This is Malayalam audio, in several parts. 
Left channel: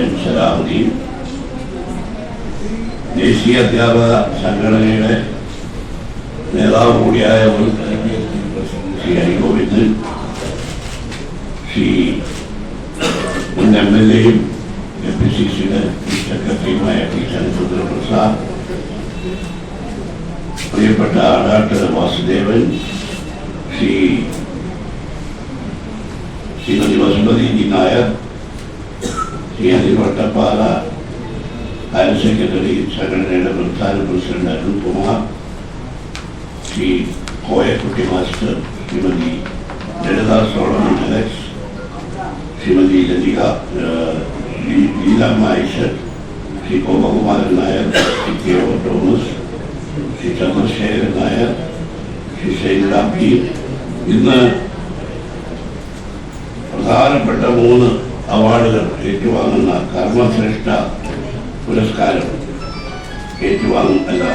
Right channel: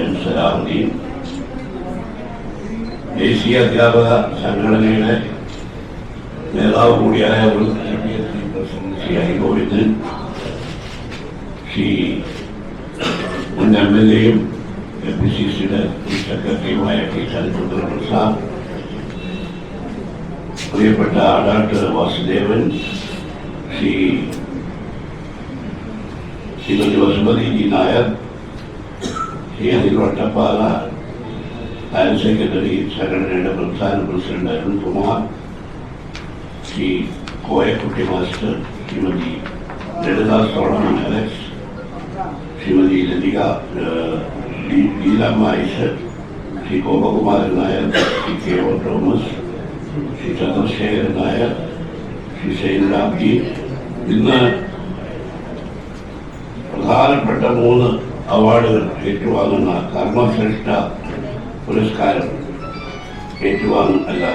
എൻ സലാഹുദ്ദീൻ ദേശീയ അധ്യാപക സംഘടനയുടെ നേതാവ് കൂടിയായ മുൻ IPSC പ്രസിഡന്റ് ശ്രീ ഹരിഗോവിന്ദ് ശ്രീ മുൻ എം. എൽ. എയും എ പി. സി. സിയുടെ സെക്രട്ടറിയുമായ ടി. ചന്ദ്രചന്ദ്ര പ്രസാദ് പ്രിയപ്പെട്ട doctor Vasudevan Shri Shrimati Vasumathi G. Nair Shri Anil Vattappala higher secretary സംഘടനയുടെ പ്രധാന president Arunkumar Shri Koyakutty master Shrimati Lalitha Solomon Alex Shrimati Lathika Leelamma Aish Shri Gopakumaran Nair Shri K O Thomas Shri Chandrasekharan Nair Shri ശൈലാബ്ദി ഇന്ന് പ്രധാനപ്പെട്ട മൂന്ന് അവാർഡുകൾ ഏറ്റുവാങ്ങുന്ന കർമ്മശ്രേഷ്ഠ പുരസ്കാരം ഏറ്റുവാങ്ങുന്ന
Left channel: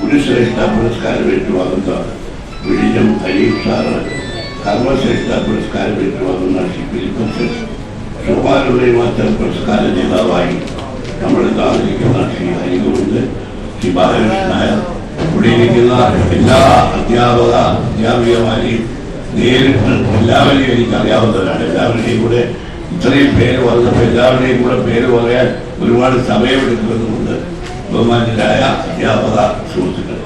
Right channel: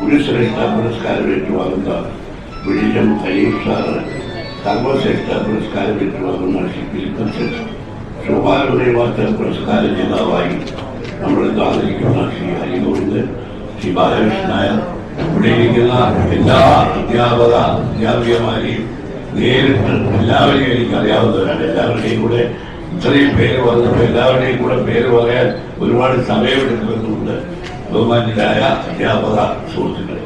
ഗുരുശ്രേഷ്ഠ പുരസ്കാരം ഏറ്റുവാങ്ങുന്ന വിഴിഞ്ഞം ഖലീൽ സാറ് കർമ്മശ്രേഷ്ഠ പുരസ്കാരം ഏറ്റുവാങ്ങുന്ന ശ്രീ ഫിലിപ്പസ് ശോഭാനുദയമാറ്റ പുരസ്കാര ജേതാവായി നമ്മൾ താമസിക്കുന്ന ശ്രീ ഹരിഗോവിന്ദ് ശ്രീ ബാലകൃഷ്ണനായ ഇവിടെ ഇരിക്കുന്ന എല്ലാ അധ്യാപക അധ്യാപികമാരെയും നേരിട്ട് എല്ലാവരെയും എനിക്ക് അറിയാവുന്നവരാണ് എല്ലാവരുടെയും കൂടെ ഇത്രയും പേര് വന്നപ്പോൾ എല്ലാവരുടെയും കൂടെ പേര് പറയാൻ ഒരുപാട് സമയമെടുക്കുന്നുണ്ട്. ബഹുമാന്യരായ അധ്യാപക സുഹൃത്തുക്കളെ.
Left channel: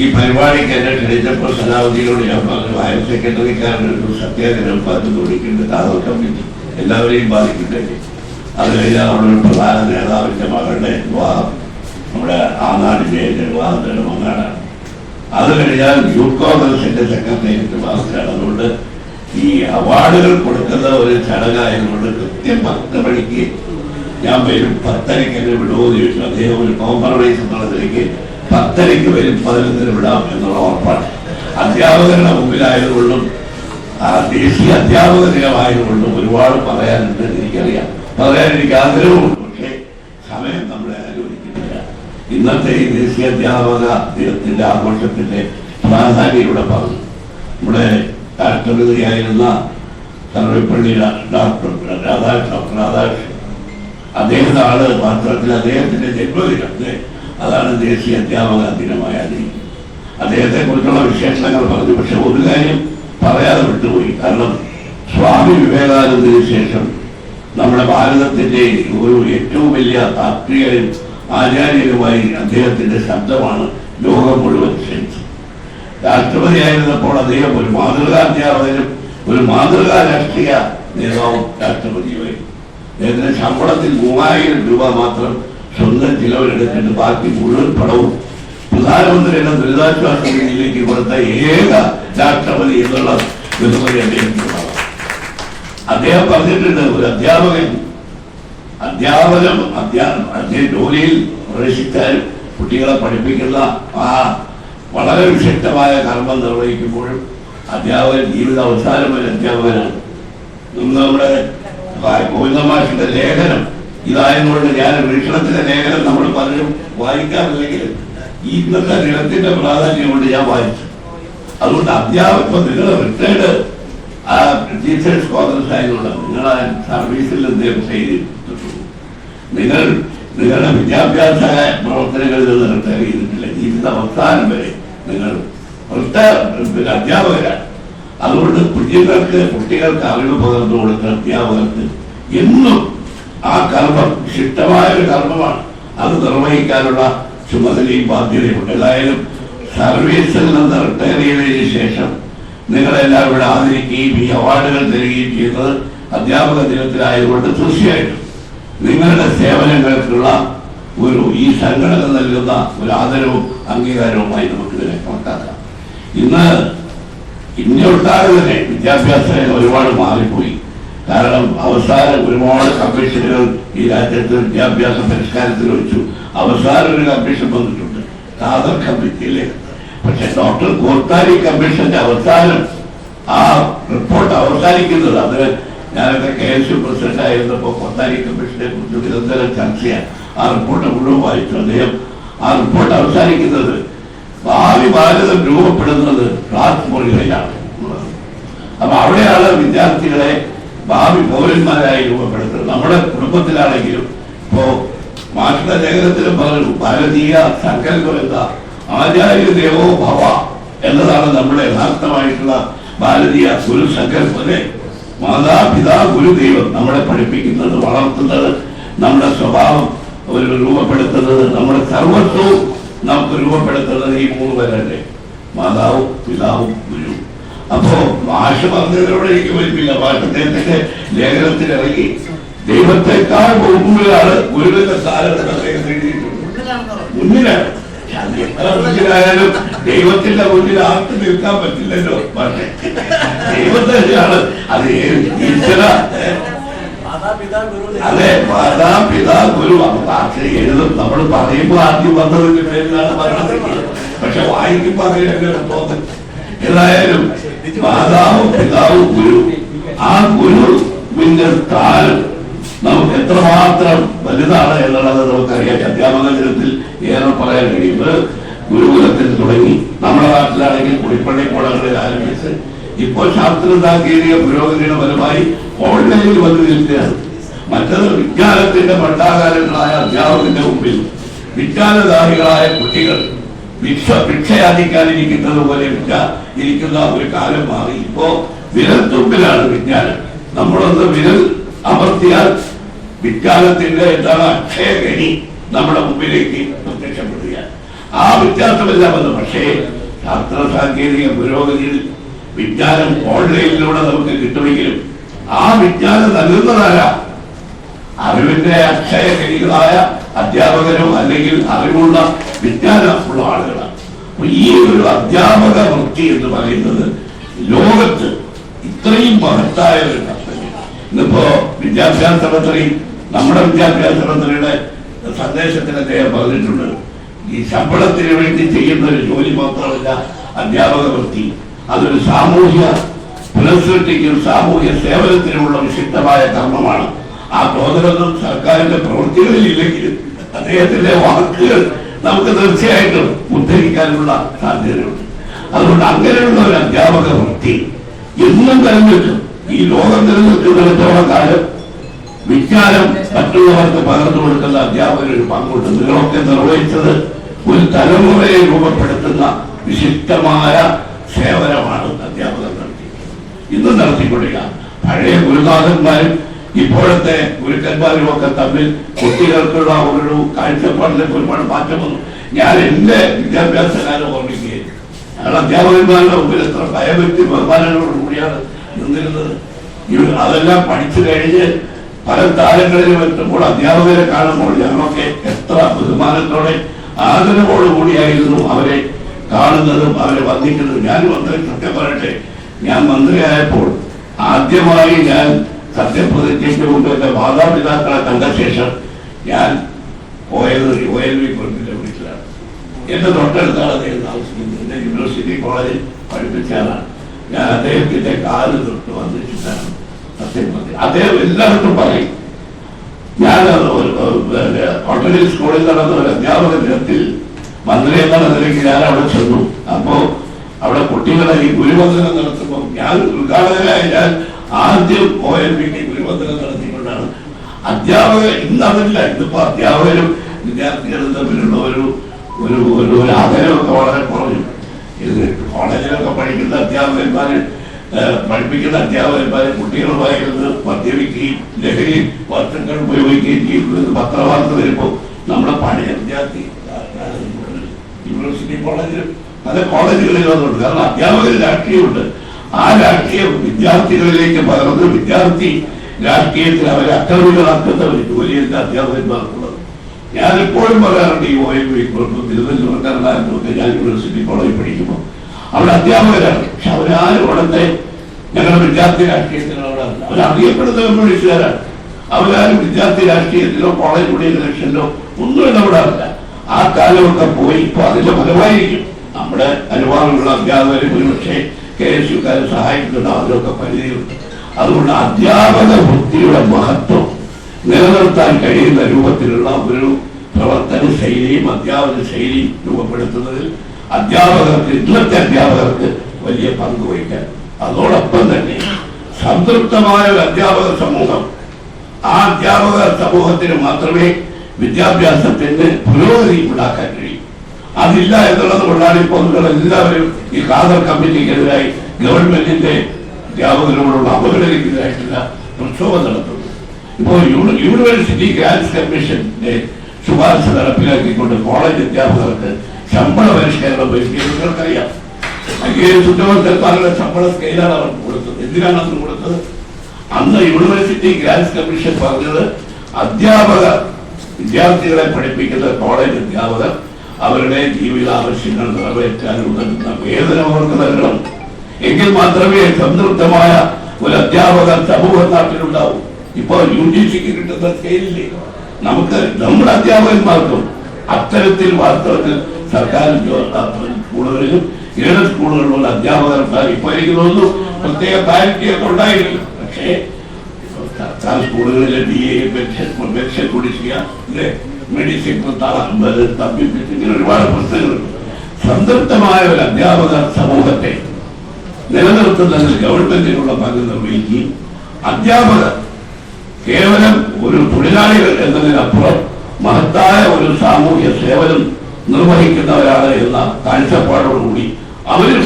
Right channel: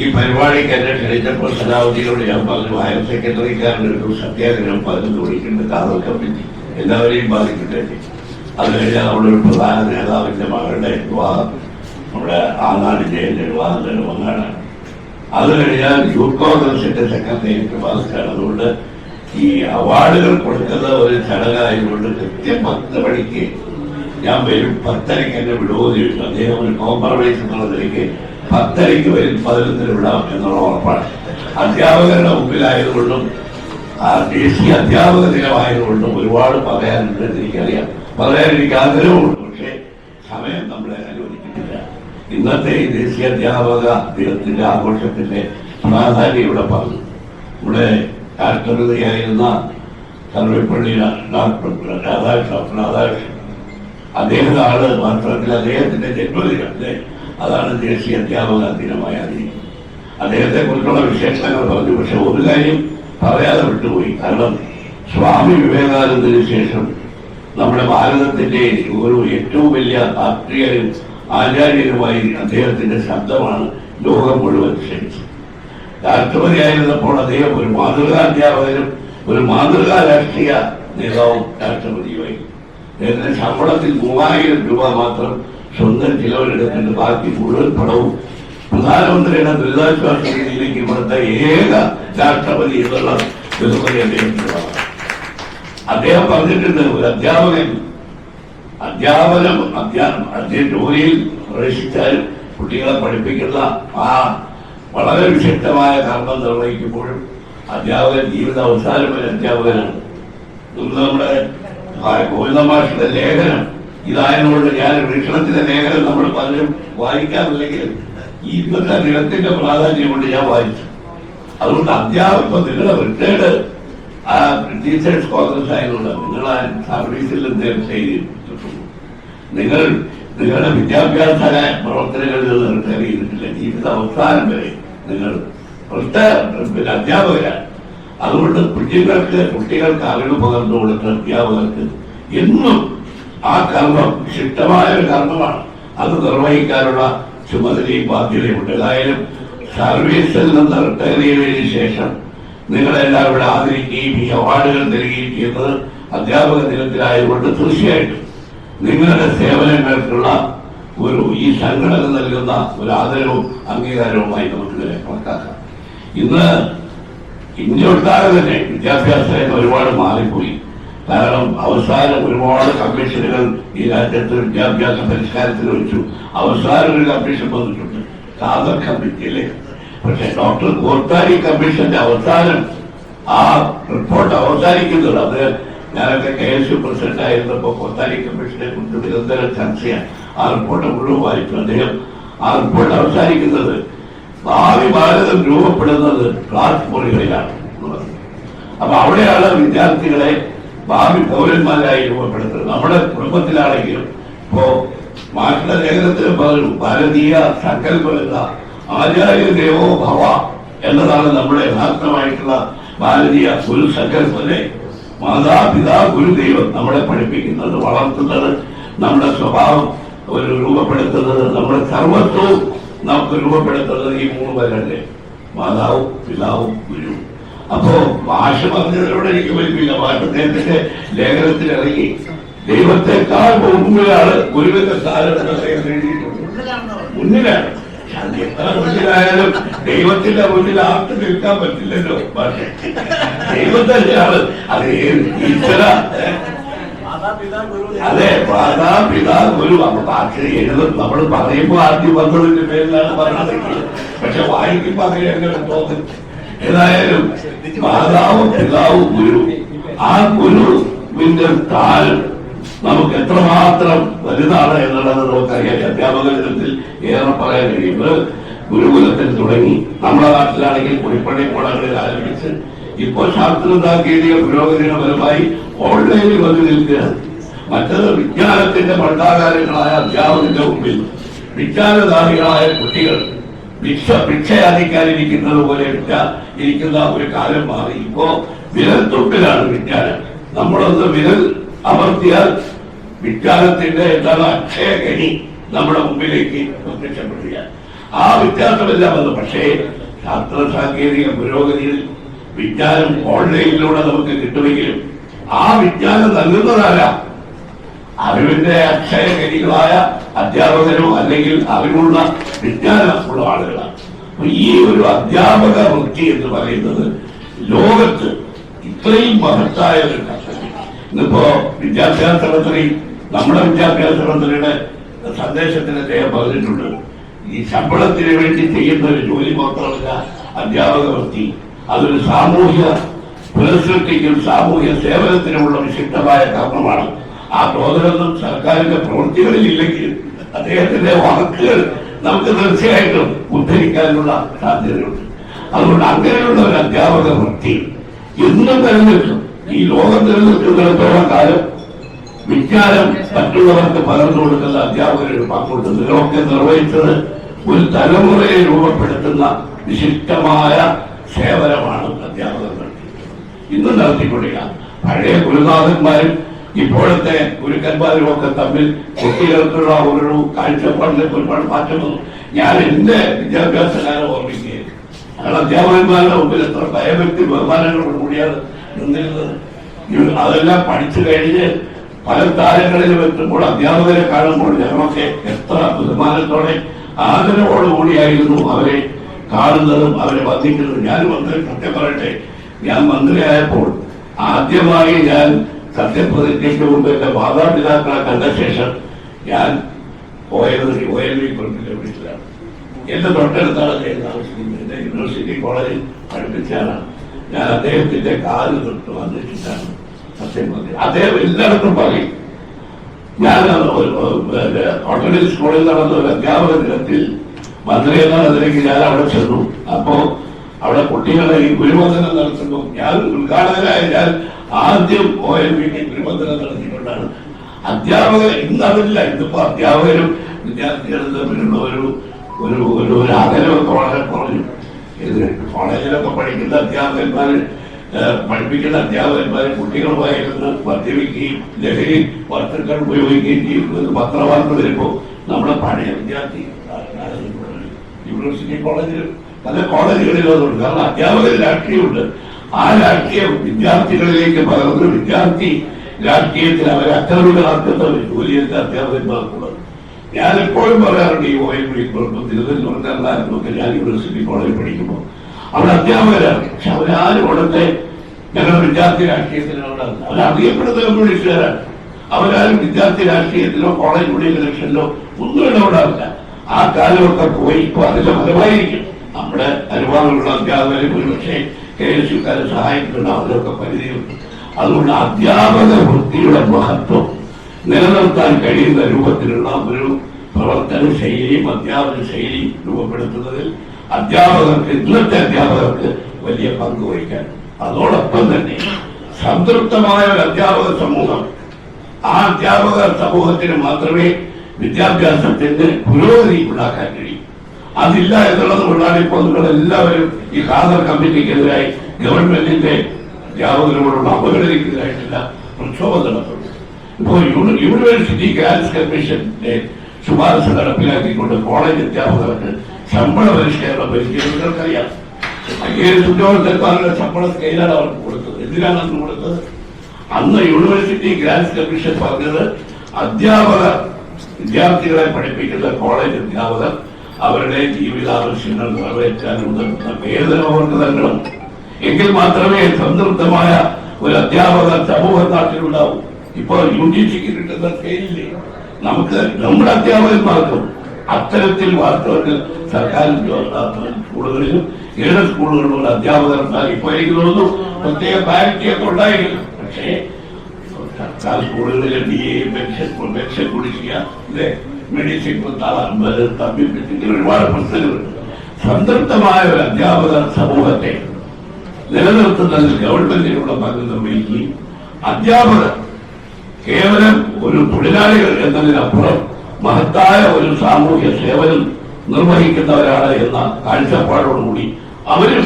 ഈ പരിപാടിക്ക് എന്നെ ക്ഷണിച്ചപ്പോൾ സലാവുദ്ദീനോട് ഞാൻ പറഞ്ഞു ഹയർ സെക്രട്ടറിക്കാരന്റെ ഒരു സത്യാഗ്രഹം പറഞ്ഞു കൊടുക്കേണ്ട. കാതൽ കമ്മിറ്റി എല്ലാവരെയും ബാധിക്കട്ടെ. അത് കഴിഞ്ഞാൽ നമ്മുടെ ഒരു പ്രധാന നേതാവിന്റെ മകളുടെ വിവാഹം നമ്മുടെ ആനാടിന്റെ എന്റെ വിവാഹത്തിന്റെ മങ്ങാടാണ് അത് കഴിഞ്ഞാൽ യൂത്ത് കോൺഗ്രസിന്റെ സെക്രട്ടേറിയറ്റ് ബാധിച്ചാണ് അതുകൊണ്ട് ഈ അവാർഡുകൾ കൊടുക്കുന്ന ഒരു ചടങ്ങായതുകൊണ്ട് കൃത്യം പത്ത് മണിക്ക് ഞാൻ വരും. പത്തരയ്ക്ക് എന്നെ വിടുമോ ചോദിച്ചു. അദ്ദേഹം ഒരു കോംപ്രമൈസ് എന്നുള്ള നിലയ്ക്ക് പത്തരയ്ക്ക് വരും. പതിനൊന്നിന് വിടാം എന്നുള്ള ഉറപ്പാണ്. അധ്യാപകരുടെ മുമ്പിലായതുകൊണ്ടും ആ ദേശീയ അധ്യാപക ദിനമായതുകൊണ്ടും ഒരുപാട് പറയാനുണ്ട് എനിക്കറിയാം. പറയാൻ എനിക്ക് ആഗ്രഹമുണ്ട്. പക്ഷേ സമയം നമ്മളെ അനുവദിക്കുന്നില്ല. ഇന്നത്തെ ഈ ദേശീയ അധ്യാപക ദിനത്തിന്റെ ആഘോഷത്തിന്റെ പ്രാധാന്യം ഇവിടെ പറഞ്ഞു. നമ്മുടെ രാഷ്ട്രപതിയായിരുന്ന തറവിപ്പള്ളി ഡോക്ടർ രാധാകൃഷ്ണ രാധാകൃഷ്ണൻ അദ്ദേഹത്തെ ആൾ പത്രത്തിൽ അദ്ദേഹത്തിന്റെ ജന്മദിനം? അതാണ് ദേശീയ അധ്യാപക ദിനമായ ദിനം. അദ്ദേഹത്തെ കുറിച്ചുള്ള വിശേഷങ്ങൾ പറഞ്ഞു. പക്ഷെ ഒരു കാര്യം പറയാതെ വിട്ടുപോയി. കാരണം സ്വാമി വിവേകാനന്ദന് ശേഷം നമ്മുടെ ഭാരതത്തിന്റെ ഒരു ഏറ്റവും വലിയ രാഷ്ട്രീയരും ആചാര്യരുമായി അദ്ദേഹത്തിന്റെ ശബ്ദമാണ് ലോകം മുഴുവൻ ക്ഷണിച്ചത് രാഷ്ട്രപതിയായിരുന്നപ്പോൾ അദ്ദേഹം ഒരു മാതൃകാ അധ്യാപകനും ഒരു മാതൃകാ രാഷ്ട്രീയ നേതാവും രാഷ്ട്രപതിയുമായിരുന്നു ശമ്പളത്തിൽ മൂവായിരം രൂപ മാത്രം സ്വന്തം ചിലവരെടുക്കേണ്ട ബാക്കി മുഴുവൻ പണവും പ്രധാനമന്ത്രിയുടെ ദുരിതാശ്വാസ നിധിയിലേക്ക് ഇവിടുത്തെ ഏക രാഷ്ട്രപതി എന്നുള്ള ബഹുമതി അദ്ദേഹത്തിനുള്ളതാണ് അദ്ദേഹം പറഞ്ഞിട്ടുണ്ട് ഒരു അധ്യാപകൻ അധ്യാപനം അദ്ദേഹം ജോലിയിൽ പ്രവേശിച്ചാൽ കുട്ടികളെ പഠിപ്പിക്കുന്ന ആ വളരെ വിശിഷ്ടമായ കർമ്മം നിർവഹിക്കുമ്പോഴും അധ്യാപകൻ ജീവിത അവസാനം ഒരു അധ്യാപകനാണ്. ഇന്ന് നമ്മുടെ ഗോവിന്ദമാഷിന്റെ ലേഖനം ഇതായതുകൊണ്ട് ഞാൻ വീക്ഷണത്തിന്റെ ലേഖനം നമ്മൾ പലരും വായിക്കാറില്ലെങ്കിൽ ഈ ഇന്നത്തെ ദിനത്തിന്റെ പ്രാധാന്യം കൊണ്ട് ഞാൻ വായിച്ചു. അതുകൊണ്ട് അധ്യാപകം നിങ്ങൾ റിട്ടയർഡ് ടീച്ചേഴ്സ് കോൺഗ്രസ് ആയതുകൊണ്ട് നിങ്ങൾ ആ സർവീസിൽ നിങ്ങൾ നിങ്ങളുടെ വിദ്യാഭ്യാസ പ്രവർത്തനങ്ങളിൽ നിന്ന് റിട്ടയർ ചെയ്തിട്ടില്ല. ജീവിത അവസാനം വരെ നിങ്ങൾ വൃത്ത പിന്നെ അധ്യാപകരാണ്. അതുകൊണ്ട് കുഞ്ഞുങ്ങൾക്ക് കുട്ടികൾക്ക് അറിവ് പകർന്നു കൊടുക്കുന്ന അധ്യാപകർക്ക് എന്നും ആ കർമ്മം ശിഷ്ടമായ ഒരു കർമ്മമാണ്. അത് നിർവഹിക്കാനുള്ള ചുമതലയും ബാധ്യതയുണ്ട്. ഏതായാലും സർവീസിൽ നിന്ന് റിട്ടയർ ചെയ്തതിന് ശേഷം നിങ്ങളെല്ലാം ഇവിടെ ആദരിക്കുകയും ഈ അവാർഡുകൾ തരികയും ചെയ്യുന്നത് അധ്യാപക ദിനത്തിലായതുകൊണ്ട് തീർച്ചയായിട്ടും നിങ്ങളുടെ സേവനങ്ങൾക്കുള്ള ഒരു ഈ സംഘടന നൽകുന്ന ഒരു ആദരവും അംഗീകാരവുമായി നമുക്ക് ഇതിനെ കണക്കാക്കാം. ഇന്ന് ഇന്ത്യ ഒട്ടാകെ തന്നെ വിദ്യാഭ്യാസ രംഗം ഒരുപാട് മാറിപ്പോയി. കാരണം അവസാനം ഒരുപാട് കമ്മീഷനുകൾ ഈ രാജ്യത്ത് വിദ്യാഭ്യാസ പരിഷ്കാരത്തിൽ വെച്ചു. അവസാനം ഒരു കമ്മീഷൻ വന്നിട്ടുണ്ട് ഖാദർ കമ്മിറ്റിയിലെ. പക്ഷെ ഡോക്ടർ ഗോർത്താരി കമ്മീഷന്റെ അവസാനം ആ റിപ്പോർട്ട് അവസാനിക്കുന്നത്. അത് ഞാനൊക്കെ കെ എസ് യു പ്രസിഡന്റ് ആയിരുന്നപ്പോ കോർത്താരി കമ്മീഷനെ കുറിച്ച് നിരന്തരം ചർച്ചയാണ് ആ റിപ്പോർട്ട് മുഴുവൻ വായിച്ചു അദ്ദേഹം ആ റിപ്പോർട്ട് അവസാനിക്കുന്നത് ഭാവി ഭാരതം രൂപപ്പെടുന്നത് ക്ലാസ് മുറികളിലാണ്. അപ്പൊ അവിടെയാണ് വിദ്യാർത്ഥികളെ ഭാവി പൗരന്മാരായി രൂപപ്പെടുത്തുന്നത് നമ്മുടെ കുടുംബത്തിലാണെങ്കിലും ഇപ്പോ മാഷ്ടെ ലേഖനത്തിന് പറഞ്ഞു ഭാരതീയ സങ്കല്പം എന്ന ആചാര്യ ദേവോ ഭവ എന്നതാണ് നമ്മുടെ യഥാർത്ഥമായിട്ടുള്ള ഭാരതീയ ഗുരു സങ്കല്പത്തെ മാതാപിതാ ഗുരുദൈവം നമ്മളെ പഠിപ്പിക്കുന്നത് വളർത്തുന്നത് നമ്മുടെ സ്വഭാവം ഒരു രൂപപ്പെടുത്തുന്നത് നമ്മുടെ സർവത്വവും നമുക്ക് രൂപപ്പെടുത്തുന്നത് ഈ മൂന്ന് പേരല്ലേ? മാതാവും പിതാവും ഗുരു. അപ്പോ ഭാഷ പറഞ്ഞതിലൂടെ എനിക്ക് ഭാഷത്തിന്റെ ലേഖനത്തിൽ ഇറങ്ങി ദൈവത്തെക്കാൾ മുമ്പിലാണ് ഗുരുവിന്റെ സ്ഥാനം എന്ന് അദ്ദേഹം മുന്നിലാണ്. മുന്നിലായാലും ദൈവത്തിന്റെ മുന്നിൽ ആർക്കും നിൽക്കാൻ പറ്റില്ലല്ലോ പക്ഷേ അത് ഏത് ഈശ്വര ഏ? അതെ മാതാപിതാ ഗുരു ഭാഷ എഴുതും. നമ്മൾ പറയുമ്പോൾ ആദ്യം വന്നതിന്റെ പേരിലാണ് പറയുന്നത് പക്ഷെ വായിക്കുമ്പോ അങ്ങനെയല്ല തോന്നുന്നു ഏതായാലും മാതാവും പിതാവും ഗുരു. ആ ഗുരുവിന്റെ സ്ഥാനം നമുക്ക് എത്രമാത്രം വലുതാണ് എന്നുള്ളത് നമുക്കറിയാം. അധ്യാപക ദിനത്തിൽ ഏറെ പറയാൻ കഴിയുന്നത് ഗുരുകുലത്തിൽ തുടങ്ങി. നമ്മുടെ നാട്ടിലാണെങ്കിൽ കുടിപ്പള്ളി കോളേജിൽ ആരംഭിച്ച് ഇപ്പോൾ ശാസ്ത്ര സാങ്കേതിക പുരോഗതിയുടെ ഫലമായി ഓൺലൈനിൽ വന്നു നിൽക്കുകയാണ്. മറ്റത് വിജ്ഞാനത്തിന്റെ ഭണ്ഡാകാരങ്ങളായ അധ്യാപകന്റെ മുമ്പിൽ വിജ്ഞാനദാഹികളായ കുട്ടികൾ ഭിക്ഷ ഭിക്ഷയാദിക്കാനിരിക്കുന്നത് പോലെ ഭിക്ഷ ഇരിക്കുന്ന ഒരു കാലം മാറി. ഇപ്പോ വിരൽത്തുമ്പിലാണ് വിജ്ഞാനം. നമ്മളൊന്ന് വിരൽ അമർത്തിയാൽ വിജ്ഞാനത്തിന്റെ എന്താണ് അക്ഷയഗണി നമ്മുടെ മുമ്പിലേക്ക് പ്രത്യക്ഷപ്പെടുകയാണ്. ആ വ്യത്യാസമെല്ലാം വന്നു. പക്ഷേ ശാസ്ത്ര സാങ്കേതിക പുരോഗതിയിൽ വിജ്ഞാനം ഓൺലൈനിലൂടെ നമുക്ക് കിട്ടുമെങ്കിലും ആ വിജ്ഞാനം നൽകുന്നതല്ല അറിവിന്റെ അക്ഷയ കരികളായ അധ്യാപകരോ അല്ലെങ്കിൽ അറിവുള്ള വിജ്ഞാനമുള്ള ആളുകളാണ്. ഈ ഒരു അധ്യാപക വൃത്തി എന്ന് പറയുന്നത് ലോകത്ത് ഇത്രയും മഹത്തായ ഒരു ഇന്നിപ്പോ വിദ്യാഭ്യാസ മന്ത്രി നമ്മുടെ വിദ്യാഭ്യാസ മന്ത്രിയുടെ സന്ദേശത്തിന് അദ്ദേഹം പറഞ്ഞിട്ടുണ്ട്. ഈ ശമ്പളത്തിന് വേണ്ടി ചെയ്യുന്ന ഒരു ജോലി മാത്രമല്ല അധ്യാപക വൃത്തി അതൊരു സാമൂഹ്യ പുനഃസൃഷ്ടിക്കും സാമൂഹ്യ സേവനത്തിനുമുള്ള വിശിഷ്ടമായ കർമ്മമാണ്. ആ തോന്നലൊന്നും സർക്കാരിന്റെ പ്രവൃത്തികളിൽ ഇല്ലെങ്കിൽ അദ്ദേഹത്തിന്റെ വാക്കുകൾ നമുക്ക് തീർച്ചയായിട്ടും ഉദ്ധരിക്കാനുള്ള സാധ്യതയുണ്ട്. അതുകൊണ്ട് അങ്ങനെയുള്ള ഒരു അധ്യാപക വൃത്തി എന്നും തെരഞ്ഞെടുക്കും. ഈ ലോകം തിരഞ്ഞെടുക്കുന്നിടത്തോളം കാലം വിജ്ഞാനം മറ്റുള്ളവർക്ക് പകർന്നു കൊടുക്കുന്ന അധ്യാപകരുടെ പങ്കുണ്ട് നിങ്ങളൊക്കെ നിർവഹിച്ചത് ഒരു തലമുറയെ രൂപപ്പെടുത്തുന്ന വിശിഷ്ടമായ സേവനമാണ് അധ്യാപകർ നടത്തി ഇന്നും നടത്തിക്കൊണ്ടില്ല പഴയ ഗുരുനാഥന്മാരും ഇപ്പോഴത്തെ ഗുരുക്കന്മാരും ഒക്കെ തമ്മിൽ കുട്ടികൾക്കുള്ള ഒരു കാഴ്ചപ്പാടിലേക്ക് ഒരുപാട് മാറ്റം വന്നു. ഞാൻ എന്റെ വിദ്യാഭ്യാസ കാലം ഓർമ്മിക്കുകയും ഞങ്ങൾ അധ്യാപകന്മാരുടെ മുമ്പിൽ എത്ര ഭയഭക്തി ബഹുമാനങ്ങളോട് കൂടിയാണ് നിന്നിരുന്നത്. അതെല്ലാം പഠിച്ചു കഴിഞ്ഞ് പല താരങ്ങളിൽ എത്തുമ്പോൾ അധ്യാപകരെ കാണുമ്പോൾ ഞങ്ങളൊക്കെ എത്ര ബഹുമാനത്തോടെ ആദരവോടുകൂടിയായിരുന്നു അവരെ കാണുന്നതും അവരെ വന്ദിക്കുന്നതും ഞാൻ മന്ത്രി സത്യം പറയട്ടെ ഞാൻ മന്ത്രിയായപ്പോൾ ആദ്യമായി ഞാൻ സത്യപ്രതിജ്ഞയ്ക്ക് മുമ്പ് എന്റെ മാതാപിതാക്കളെ കണ്ട ശേഷം ഞാൻ പോയത് ഒയൽവി കുറിപ്പിന്റെ വീട്ടിലാണ് എന്റെ തൊട്ടടുത്താണ് അദ്ദേഹം താമസിക്കുന്നത് എന്റെ യൂണിവേഴ്സിറ്റി കോളേജിൽ പഠിപ്പിച്ചാലാണ് ഞാൻ അദ്ദേഹത്തിന്റെ കാൽ തൊട്ട് വന്നിട്ടാണ് സത്യപ്രതിജ്ഞ അദ്ദേഹം എല്ലായിടത്തും പറയും ഞാൻ ഓട്ടോണി സ്കൂളിൽ നടന്ന ഒരു അധ്യാപക ദിനത്തിൽ മന്ത്രി എന്ന നിലയ്ക്ക് ഞാൻ അവിടെ ചെന്നു. അപ്പോ അവിടെ കുട്ടികളെ ഈ ഗുരുവന്ദനം നടത്തുമ്പോൾ ഞാൻ ഉദ്ഘാടകനായ ഞാൻ ആദ്യം ഒ എൽ വിക്ക് ഗുരുവന്ദനം നടത്തിക്കൊണ്ടാണ്. അധ്യാപകർ ഇന്നറിഞ്ഞില്ല ഇന്നിപ്പോ അധ്യാപകരും വിദ്യാർത്ഥികളും തമ്മിലുള്ള ഒരു ഒരു ഒരു അകലമൊക്കെ വളരെ കുറഞ്ഞു. ഇത് കോളേജിലൊക്കെ പഠിക്കുന്ന അധ്യാപകന്മാര് പഠിപ്പിക്കുന്ന അധ്യാപകന്മാരെ കുട്ടികളുമായിരുന്നു മദ്യപിക്കുകയും ലഹരി വസ്തുക്കൾ ഉപയോഗിക്കുകയും ചെയ്യുന്നത് പത്രവാർത്ത വരുമ്പോ നമ്മുടെ പഴയ വിദ്യാർത്ഥി യൂണിവേഴ്സിറ്റി കോളേജിൽ പല കോളേജുകളിൽ അതുണ്ട് കാരണം അധ്യാപകർ രാഷ്ട്രീയമുണ്ട്. ആ രാഷ്ട്രീയം വിദ്യാർത്ഥികളിലേക്ക് പകർന്ന് വിദ്യാർത്ഥി രാഷ്ട്രീയത്തിൽ അവരെ അക്രമികളാക്കുന്ന ഒരു ജോലിയല്ല അധ്യാപകന്മാർക്കുള്ളത് ഞാൻ എപ്പോഴും പറയാറുണ്ട് ഈ ഒ എം വി തിരുവനന്തപുരം കർണാടകത്തൊക്കെ ഞാൻ യൂണിവേഴ്സിറ്റി കോളേജിൽ പഠിക്കുമ്പോൾ അവിടെ അധ്യാപകരാണ്. പക്ഷെ അവരാരും അവിടുത്തെ ഞങ്ങളുടെ വിദ്യാർത്ഥി രാഷ്ട്രീയത്തിലാണ് അവർ അറിയപ്പെടുന്ന കമ്മ്യൂണിസ്റ്റുകാരാണ്. അവരാരും വിദ്യാർത്ഥി രാഷ്ട്രീയത്തിലോ കോളേജ് ഇലക്ഷനിലോ ഒന്നും ഇടപെടാറില്ല. ആ കാലമൊക്കെ പോയി ഇപ്പൊ അതിന്റെ ഫലമായിരിക്കും. നമ്മുടെ അനുവാദമുള്ള അധ്യാപകരും ഒരുപക്ഷെ കെ എസ് യുക്കാരെ സഹായിക്കുന്നുണ്ട് അതിലൊക്കെ പരിധിയുണ്ട് അതുകൊണ്ട് അധ്യാപക വൃത്തിയുടെ മഹത്വം നിലനിർത്താൻ കഴിയുന്ന രൂപത്തിലുള്ള ഒരു പ്രവർത്തന ശൈലിയും അധ്യാപന ശൈലിയും രൂപപ്പെടുത്തുന്നതിൽ അധ്യാപകർക്ക് ഇന്നത്തെ അധ്യാപകർക്ക് വലിയ പങ്ക് വഹിക്കാൻ. അതോടൊപ്പം തന്നെ സംതൃപ്തമായ ഒരു അധ്യാപക സമൂഹം. ആ അധ്യാപക സമൂഹത്തിന് മാത്രമേ വിദ്യാഭ്യാസത്തിന്റെ പുരോഗതി ഉണ്ടാക്കാൻ കഴിയും. അതില്ല എന്നുള്ളത് കൊണ്ടാണ് ഇപ്പോൾ എല്ലാവരും ഈ ഖാദർ കമ്മിറ്റിക്കെതിരായി ഗവൺമെന്റിന്റെ അധ്യാപകരോടുള്ള അവഗണനയ്ക്കെതിരായിട്ടുള്ള പ്രക്ഷോഭം നടത്തുന്നത് ഇപ്പോൾ യൂണിവേഴ്സിറ്റി ഗ്രാൻസ് കമ്മീഷന്റെ ശുപാർശ നടപ്പിലാക്കിക്കൊണ്ട് കോളേജ് അധ്യാപകർക്ക് ശമ്പള പരിഷ്കരണം വരുത്തിയത് നിങ്ങൾക്കറിയാം. ഉദ്യോഗസ്ഥന്മാരുടെ ശമ്പള സ്കെയിലാണ് അവർക്ക് കൊടുത്തത്. എന്തിനാണ് അന്ന് കൊടുത്തത്? അന്ന് യൂണിവേഴ്സിറ്റി ഗ്രാൻസ് കമ്മീഷൻ പറഞ്ഞത് അധ്യാപക വിദ്യാർത്ഥികളെ പഠിപ്പിക്കുന്ന കോളേജ് അധ്യാപകർ അവരുടെ ജീവിതാവശ്യങ്ങൾ നിറവേറ്റാൻ ഉതകുന്ന വേതനം അവർക്ക് നൽകണം എങ്കിൽ മാത്രമേ സംതൃപ്തമായ ഒരു അധ്യാപകർ സമൂഹ നാട്ടിലുണ്ടാവൂ ഇപ്പോൾ യു ജി സിക്ക് കിട്ടുന്ന സ്കെയിലില്ലേ? നമുക്ക് നമ്മുടെ അധ്യാപകന്മാർക്കും അത്തരത്തിൽ വാസ്തവത്തിൽ സർക്കാർ സ്കൂളുകളിലും ഏത് സ്കൂളുകളിലുള്ള അധ്യാപകർ ഇപ്പോൾ എനിക്ക് തോന്നുന്നു പ്രത്യേക പാരിറ്റിയൊക്കെ ഉണ്ടായിരുന്നു പക്ഷേ സ്കൂളുകളിലെ ബി എ പെൻഷൻ കുടിശ്ശിക ഇല്ലേ മെഡിസിൻ തമ്പി ഇങ്ങനെ ഒരുപാട് പുസ്തകങ്ങൾ സംതൃപ്തമായ ഒരു അധ്യാപക സമൂഹത്തെ നിലനിർത്തുന്നതിൽ ഗവൺമെന്റിനുള്ള പങ്ക് നിർവഹിക്കുകയും അധ്യാപകർ കേവലം ഒരു തൊഴിലാളികൾ എന്നതിനപ്പുറം മഹത്തായ ഒരു സാമൂഹ്യ സേവനം നിർവഹിക്കുന്നവരാണ് എന്ന കാഴ്ചപ്പാടോടുകൂടി അവരും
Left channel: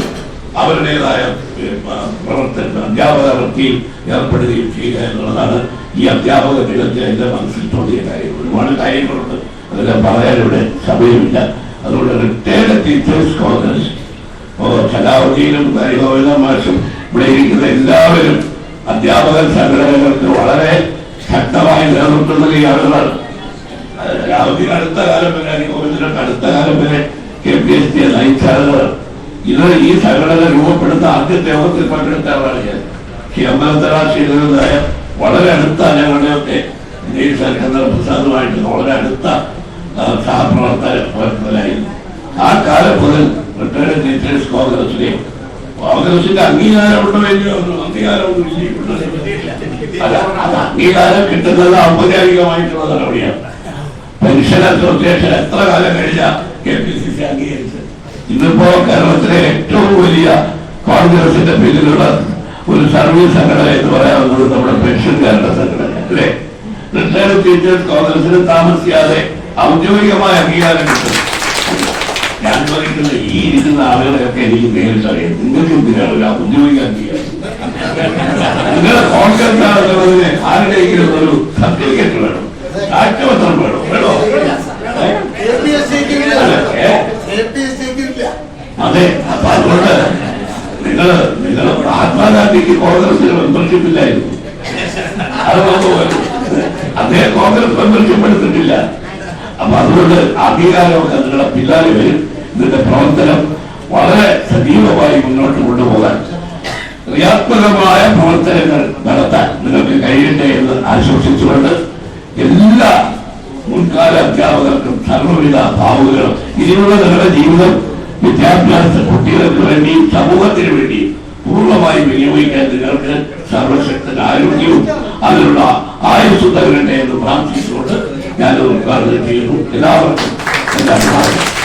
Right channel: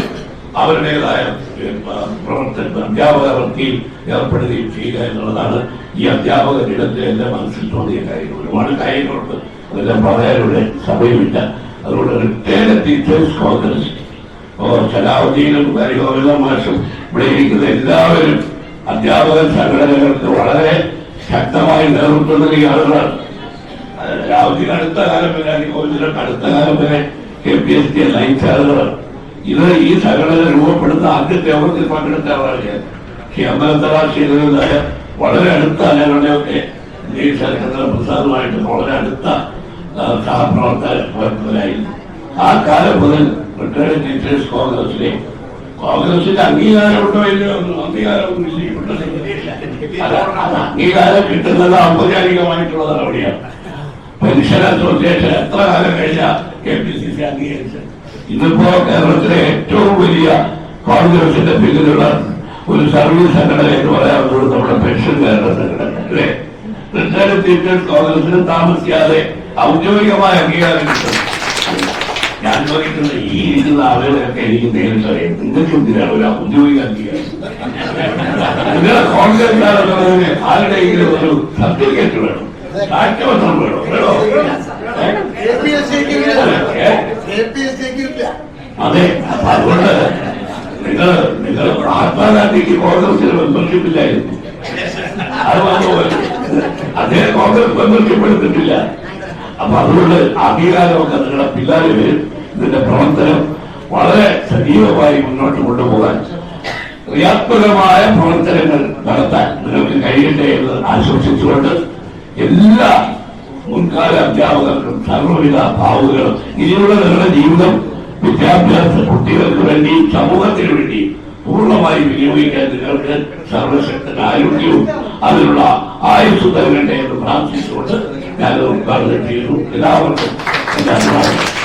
അവരുടേതായ പ്രവർത്തന അധ്യാപക വൃത്തിയിൽ ഏർപ്പെടുകയും ചെയ്യുക എന്നുള്ളതാണ് ഈ അധ്യാപക ദിനത്തിൽ എന്റെ മനസ്സിൽ തോന്നിയ കാര്യം. ഒരുപാട് കാര്യങ്ങളുണ്ട്. അതെല്ലാം പറയാനിവിടെ സമയമില്ല. അതുകൊണ്ട് റിട്ടയർഡ് ടീച്ചേഴ്സ് കോൺഗ്രസ് ഓ സലാഹുദ്ദീനും ഹരിഗോവിന്ദ മാഷും ഇവിടെ ഇരിക്കുന്ന എല്ലാവരും അധ്യാപക സംഘടനകൾക്ക് വളരെ ശക്തമായി നിലനിർത്തുന്ന ഈ ആളുകളാണ്. അടുത്ത കാലം വരെ അടുത്ത കാലം വരെ കെ പി എസ് സി നയിച്ച ആളുകളാണ് ഇത് ഈ സംഘടന രൂപപ്പെടുന്ന ആദ്യത്തെ യോഗത്തിൽ പങ്കെടുത്ത ആളാണ് ഞാൻ ഈ അമ്പലത്തറ ചെയ്തതായ വളരെ അടുത്ത ഞങ്ങളുടെയൊക്കെ ഈ സർക്കാർ പ്രസാദമായിട്ട് വളരെ അടുത്ത ആ, സഹപ്രവർത്തക പ്രവർത്തകരായിരുന്നു ആ കാലം മുതൽ റിട്ടയർഡ് ടീച്ചേഴ്സ് കോൺഗ്രസിലെ കോൺഗ്രസിന്റെ അംഗീകാരമുണ്ടോ ഇല്ലയോ അംഗീകാരമൊന്നും അംഗീകാരം കിട്ടുന്നത് ഔപചാരികമായിട്ടുള്ള നടപടിയാണ് പെൻഷൻ അസോസിയേഷൻ എത്ര കാലം കഴിഞ്ഞ കെ പി സി സി അംഗീകരിച്ചത്? ഇന്നിപ്പോ കേരളത്തിലെ ഏറ്റവും വലിയ കോൺഗ്രസിന്റെ പിന്നിലുള്ള ഒരു സർവീസ് സംഘടന എന്ന് പറയാവുന്നത് നമ്മുടെ പെൻഷൻ കേരള സംഘടന അല്ലേ? റിട്ടയർഡ് കോൺഗ്രസിന് താമസിക്കാതെ ഔദ്യോഗികമായ അംഗീകാരം കിട്ടും. ഞാൻ പറയുന്നത് ഈ ഇരിക്കുന്ന ആളുകളെയൊക്കെ എനിക്ക് നേരിട്ട് അറിയാം നിങ്ങൾക്ക് എന്തിനാണ് ഔദ്യോഗിക അംഗീകാരം? കോൺഗ്രസ് ആളുകളെ ആരുടെയെങ്കിലും ഒരു സർട്ടിഫിക്കറ്റ് വേണം. സാക്ഷ്യപത്രം വേണം വേണോ അതെ. അപ്പൊ അതുകൊണ്ട് നിങ്ങൾ നിങ്ങൾ മഹാത്മാഗാന്ധിക്ക് കോൺഗ്രസിൽ മെമ്പർഷിപ്പ് ഇല്ലായിരുന്നു. അദ്ദേഹം കോൺഗ്രസ് മെമ്പർഷിപ്പ് എടുത്തിട്ടില്ല. അപ്പൊ അതുകൊണ്ട് അധികാരമൊക്കെ നിങ്ങളുടെ പിള്ളേർ വരും. ഇതിന്റെ പ്രവർത്തനം വളരെ സജീവമായി മുന്നോട്ട് കൊണ്ടുപോകാൻ. ക്രിയാത്മകമായ പ്രവർത്തനങ്ങൾ നടത്താൻ നിങ്ങൾക്ക് കഴിയട്ടെ എന്ന് ആശംസിച്ചുകൊണ്ട് എല്ലാ മുൻകാല അധ്യാപകർക്കും സർവവിധ ഭാവുകളും ഇനിയുള്ള നിങ്ങളുടെ ജീവിതം വിദ്യാഭ്യാസ കുട്ടികൾക്ക് വേണ്ടി സമൂഹത്തിന് വേണ്ടി പൂർണമായി വിനിയോഗിക്കാൻ നിങ്ങൾക്ക് സർവശക്തൻ ആരോഗ്യവും അതിനുള്ള ആയുസ് നൽകട്ടെ എന്ന് പ്രാർത്ഥിച്ചുകൊണ്ട് ഞാൻ ഉദ്ഘാടനം ചെയ്യുന്നു. എല്ലാവർക്കും